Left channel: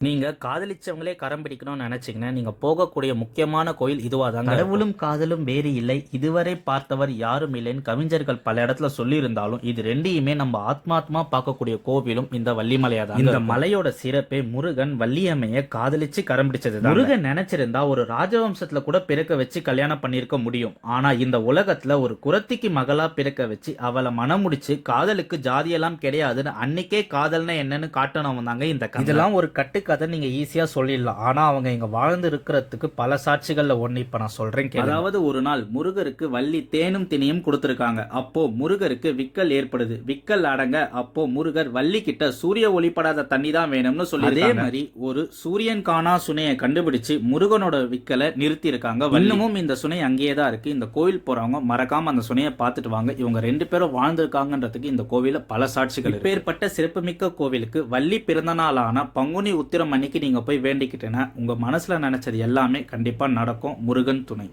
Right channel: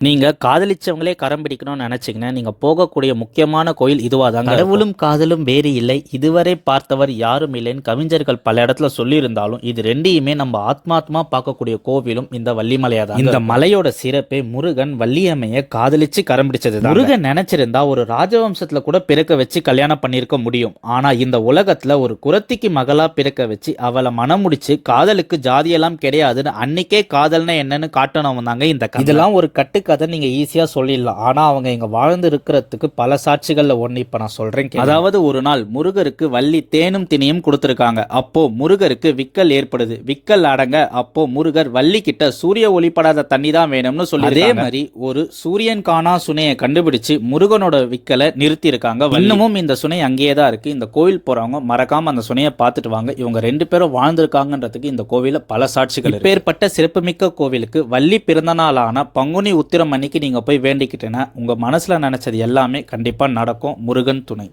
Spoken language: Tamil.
நீங்க காதலிச்சவங்களே கரம் பிடிக்கணும்னு நினைச்சீங்கன்னா நீங்க போகக்கூடிய முக்கியமான கோயில் இதுவா தாங்க கடவுளும் காதலும் வேறு இல்லை. இதுவரை பார்த்தவர் யாரும் இல்லைன்னு கவிஞர்கள் பல இடத்துல சொல்லியிருந்தாலும் இது ரெண்டையுமே நம்ம ஆத்மாத்மா பார்க்கக்கூடிய கோவிலும் இந்த வள்ளிமலையா தான் இந்த மலையோட சிறப்பே முருகன் வள்ளியம்மைய காதலிச்சு கரம் பிடிச்சது முருகன் நினைச்சிருந்தா ஒரு ராஜவம்சத்துல கூட பிறக்க வச்சு கல்யாணம் பண்ணிருக்க முடியும். ஆனா இந்த உலகத்துல ஒரு குரத்திக்கு மகளா பிறக்க வச்சு அவளை மனம் முடிச்சு காதலுக்கு ஜாதியெல்லாம் கிடையாதுன்னு அன்னைக்கே காதல்னா என்னன்னு காட்டணும் தாங்க இந்த. இதெல்லாம் ஒரு கட்டுக்கதை நீங்க ஈஸியா சொல்லிடலாம். ஆனா அவங்க இங்க வாழ்ந்து இருக்கிறதுக்கு பல சாட்சிகள்ல ஒண்ணு இப்ப நான் சொல்றேன் கேளுங்க. அதாவது ஒரு நாள் முருகருக்கு வள்ளி தேனும் தினியும் கொடுத்திருக்காங்க. அப்போ முருகருக்கு விக்கல் ஏற்படுது. விக்கல் அடங்க அப்போ முருகர் வள்ளி கிட்ட சூரிய ஒளிப்படாத தண்ணி தான் வேணும்னு சொல்லி அதே மாதிரி ஒரு சூரியன் காணா சுனையை கண்டுபிடிச்சு முருகனோட விக்கலை நிறுத்தி இருக்காங்க இன்னமும் இந்த சுனை அங்கேயே தான் இருக்கு. இந்த கோவில் போறவங்க மறக்காம அந்த சுனையை பார்த்துட்டு வாங்க. இவங்க ரெண்டு பேரும் வாழ்ந்திருக்காங்கன்றதுக்கு இந்த கோவில பல சாட்சிகள் இப்பேற்பட்ட சிறப்புமிக்க கோவிலுக்கு வள்ளி பிறந்த நாளான பங்குனி உத்திரம் அன்னைக்கு நீங்க போய் வேண்டிக்கிட்டேன்னா உங்க மனசுல நினைச்சது எல்லாமே கண்டிப்பா நடக்கும். முருகன் துணை.